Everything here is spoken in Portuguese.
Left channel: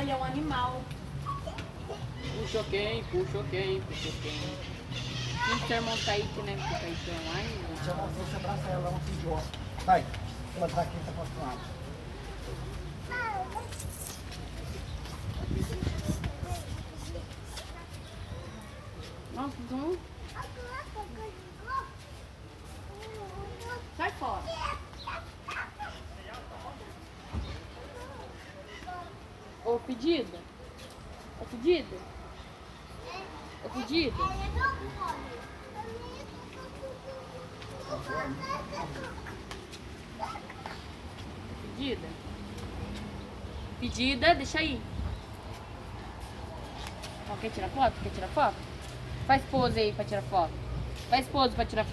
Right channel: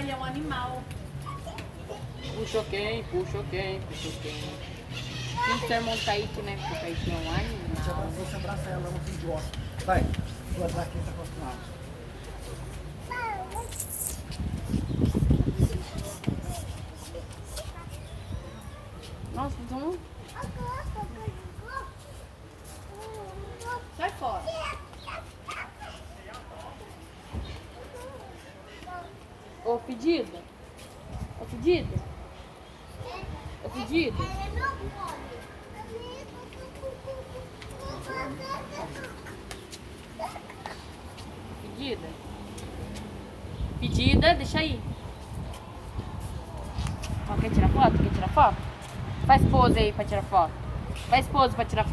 Ah, ele é um animal. Puxa quem, puxa quem, puxa quem. Tem que montar isso, né? Porque aí tem um Já animal. passou esse abraço ela, ela é um idiota. Vai, ela daqui tá acostumada. Nossa, então... Sai fora. Ô, pedida. Ô, pedida. Ô, pedida. Pedida. Pedida, deixa aí. Ó, quer tirar foto? Quer tirar foto? Faz pose aí pra tirar foto. Faz pose pra tirar foto.